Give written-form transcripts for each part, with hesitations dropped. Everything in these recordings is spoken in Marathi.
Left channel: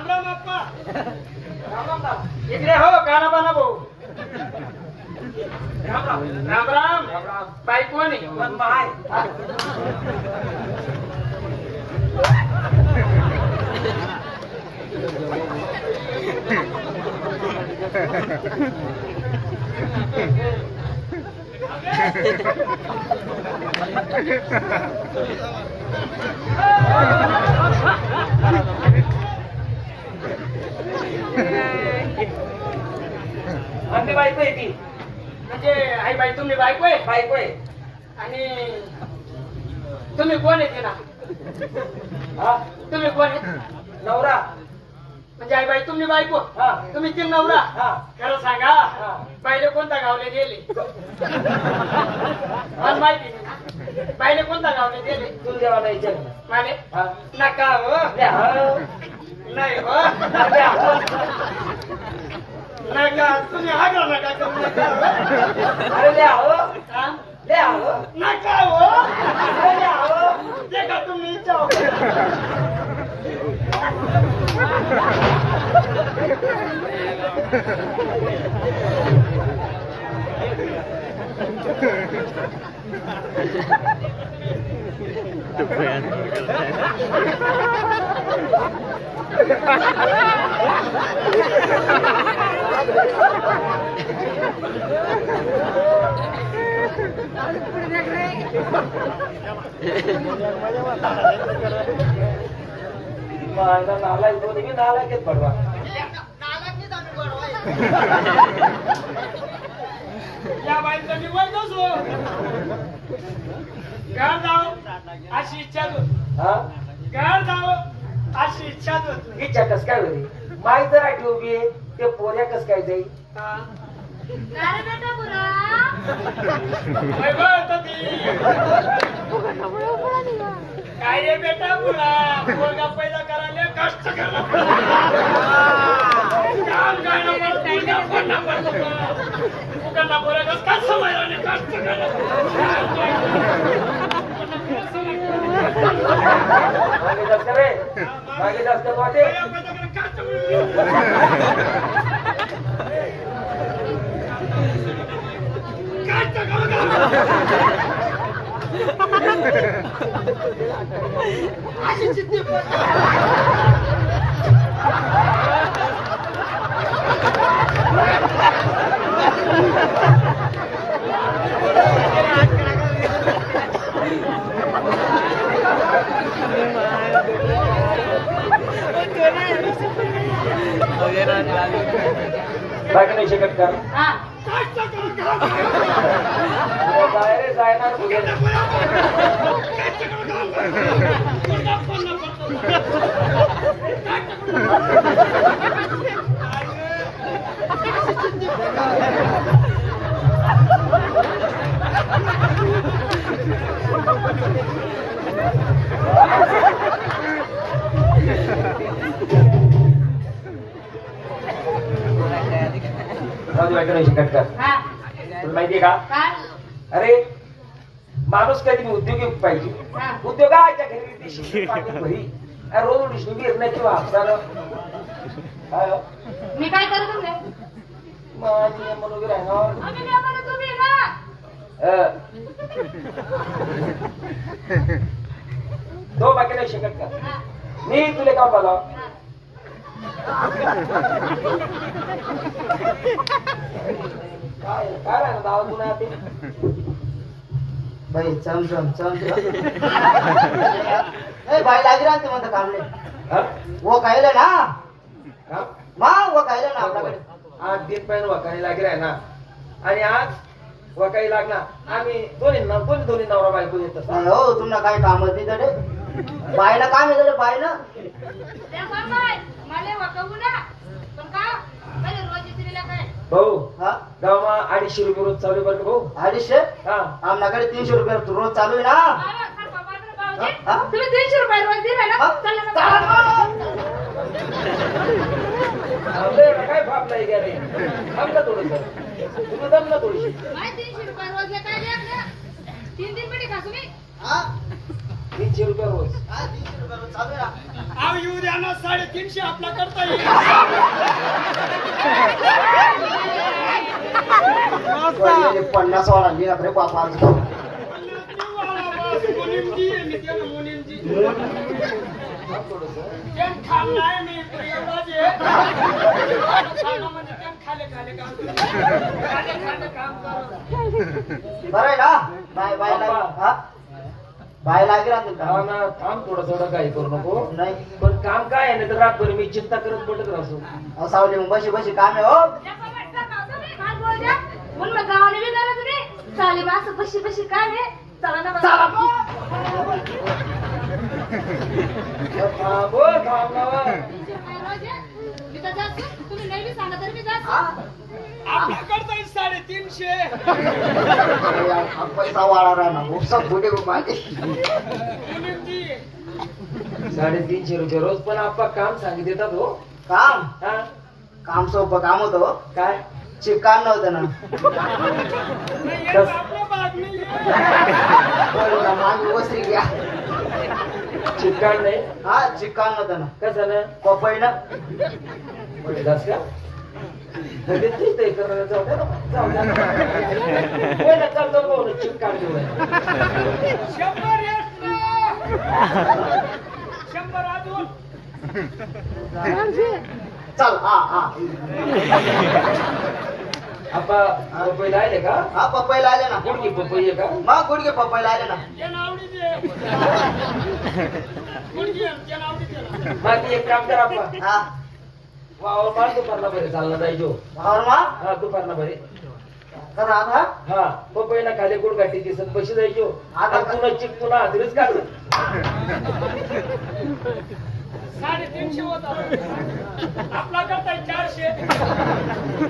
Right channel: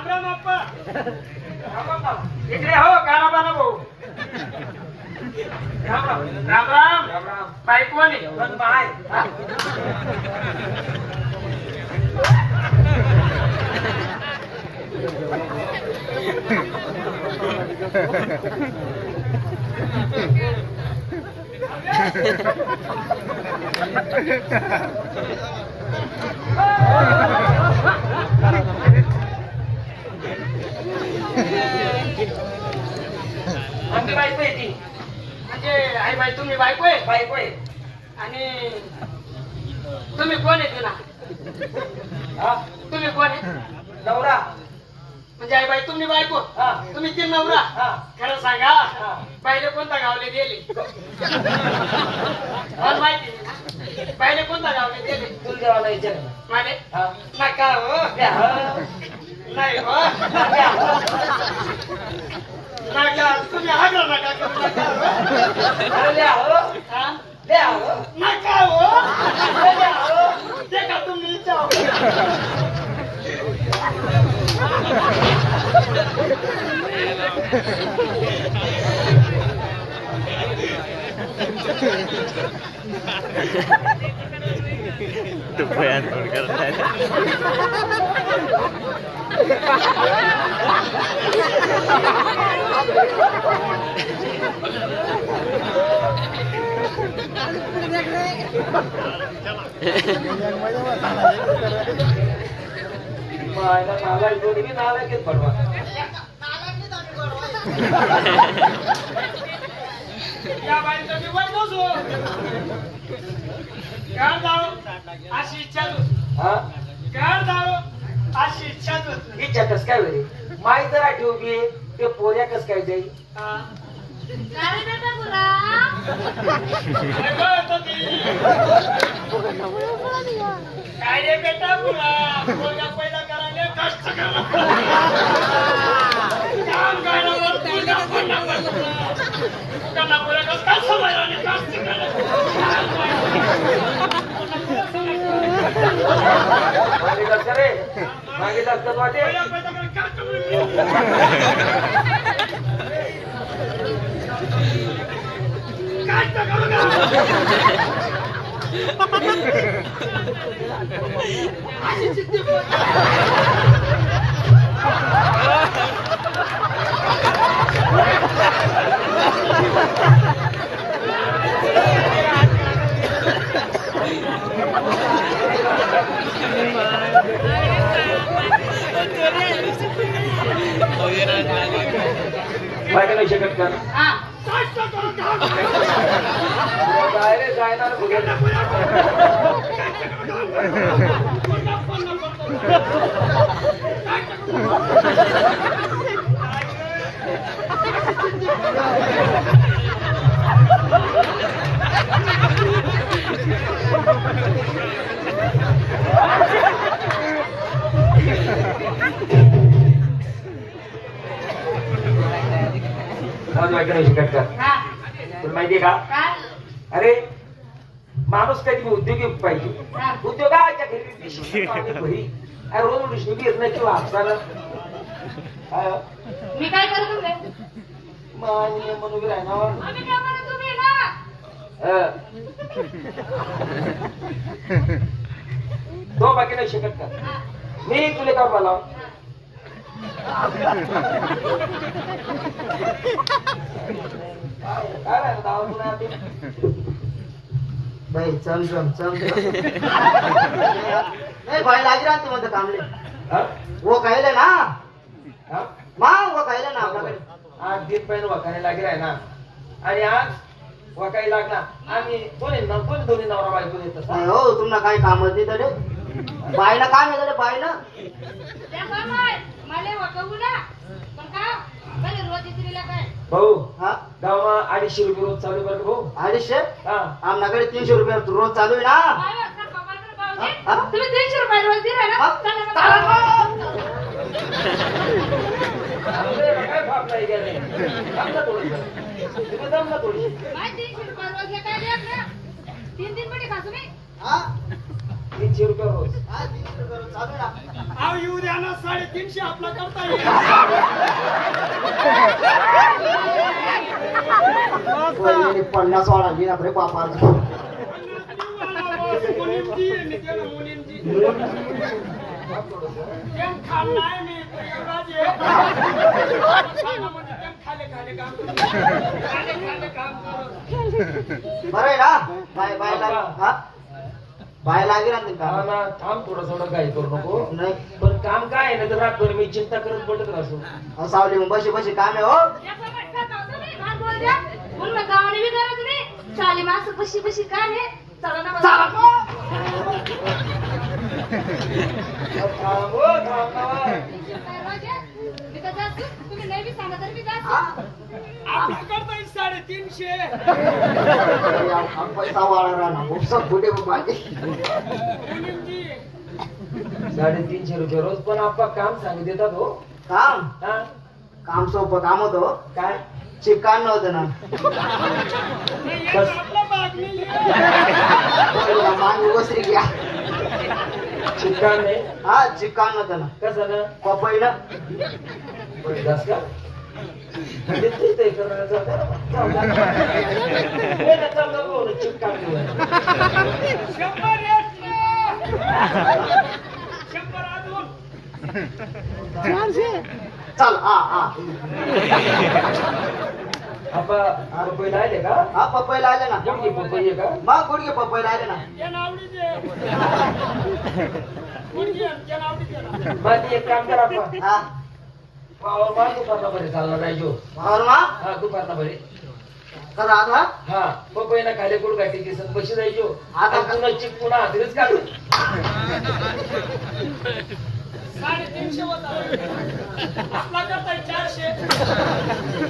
राम राम अप्पा. राम राम. इकडे हो गाणं भाऊ. राम राम. राम राम. राम राम. बाई कोण आहे? पण बाय. आमची बायको आहे ती. म्हणजे आई बाई तुम्ही बायको आहे? बायको आहे. आणि तुम्ही कोण आहे तिला? हा तुम्ही कोण आहे? नवरा. म्हणजे आई बाई तुम्ही बायको, तुम्ही ती नवरा. खरं सांगा बाईले कोणत्या गावले गेले? मला माहिती नाही ना. बाईले कोणत्या गावले गेले? तुला देवाला विचार. माले नका हो. नाही हो. नका तुम्ही हागला नका करू नका. अरे द्या हो. द्या हो. नका हो. अरे द्या हो. ते का तुम्ही विचार. तू बयान करता है. नाला जोड़ी की नाला के पड़वा. या बाई तुम्ही वर बसो. गाड जाओ अशी इच्छा तू. गाड जाओ अशी इच्छा तू. इच्छा कस काय होईल? माई जरा ठेवली ते पोऱ्या कस काय जाईल? काय रे बेटा बुरा पोरगा पैदा करायला कष्ट करा. काम काय नको त्यांना पोऱ्या कस काय समजायला कष्ट करा. मागे जास्त रे मागे जास्त वाटे. अशी चित्ती बाकी नाही शकत का? बाहेर जायणार बघेल. नाही शकत का? तुला माहितीये का? अरे माणूस कधी उद्योगी पाहिजे. उद्योगाच्या घरी रोज डिशनरी येत नाही किंवा हप्त्याला मी काय करू म्हणून वगैरे आहे ना. तो बाकी नाही शकत का? मी तुला का बोलाव? काय नाव पुन्हा ते बाई चम चम चम. ए बाई लागी राहते म्हणते कामले. वो खायला ना मग वो खायला ना आपल्याकडे. आज दिन पहिलं वाकायला लागले आहे ना. आणि आज वाकायला लागला. आम्ही दोन्ही नवरा बायको देत. हो तुम्हाला काही काम होती तर बाईला काम येतं बाईला. भाऊ गावाला 250 रुपये रोज चालू कर भाऊ. 250? आमच्याकडे 300 रुपये रोज चालू आहे ना. तुम्ही 300 रुपये रोज दिला ना. काय भाप नाही गेले. आमचं थोडं तुम्ही दम ना थोडीशी. 300 रुपये रोज काय द्या ना. 3 दिन पडी खासू नाही. 300 रुपये रोज. 300 रुपये रोज चालू आहे ना. भाव येऊ द्या ना 350 आपला करता येईल वहिनीने 50 वाढा दिला रे बापा मुनिमजी मी त्याला मुनिमजी तेम खाल नाही मी तो एवढाच आहे खाणं म्हणजे तेम खाले खाले काम काम कर बरं आहे ना बाय बाय हा बाय लागेल ना थांब थोडं काही करू नको नाही पण काम काय आहे ना तर रातभर मी चिंता करत पडत असो सावली मग बशी बशी काम आहे हो म्हणलं गावाने बी करा तुम्ही चालेल मग असं बशी बशी काय नाही चला ना चला बाबा. तिथं जायचं, तुम्ही नाही बी सांगा तर मी जायचं. आपल्या करता येईल 350 हा पैसा वाढा राहणार खूप पुढे बाकी मुनिमजी 350 रुपये रोज पण आपला काम सांगित देतात हो काम हा काम सोपं काम होतं हो. काय चिकान नव्हतं ना नाही याचा आपला भाग नाही पोरीला मान ओसरी घ्या चिकन नाही हा चिकान नव्हतं ना कसं ना पपईला पुढे जास का म्हणजे तू ते करण्याचं होतं ना. हे नका करू, चिकन घेऊन. 100 अजून चल हा हा पपई राहिले का हा पपईला आले ना गुडगी पपई आहे का मग गुडघे पपईला आले ना बाकी एक काम कर आपण हा वाव मा दुपारला बरे चालला राहिजो और मा हा दुपारला बरे तर आता हा पपईला खाली गुड गाठी दिसत कशी जायचो आता पुन्हा चिक पुन्हा हातरीच काढ 350 होता आपला करताय 400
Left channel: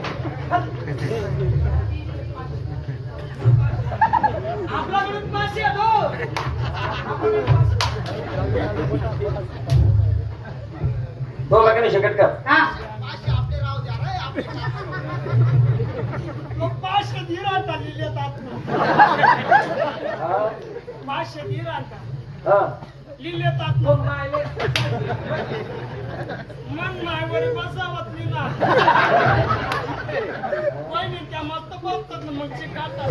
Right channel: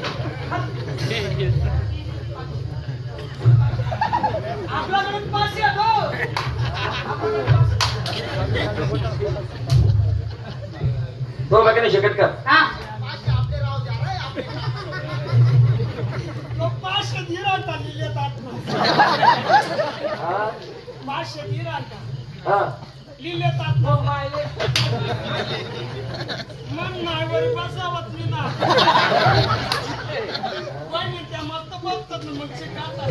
आपल्याकडून 500 हो दो बाकी नाही शकत का हा. 500 धीर आणता लिहिलेत आपण 500 धीर आणता हा लिहिलेत आपण मायले मन मायवर बसावत मी ना वहिनी त्या मस्त बसतात ना मग शिकातात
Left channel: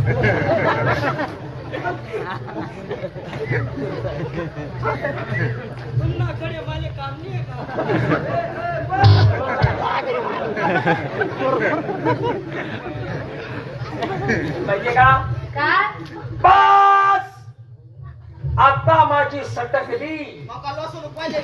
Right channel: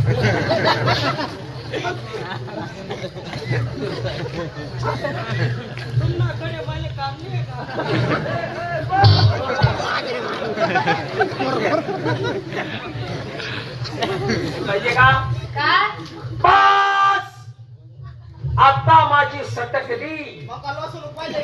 तुम्हाला कडे वाले काम नाही आहे पाहिजे का काय बस आता माझी सटकली मका लसूण पाहिजे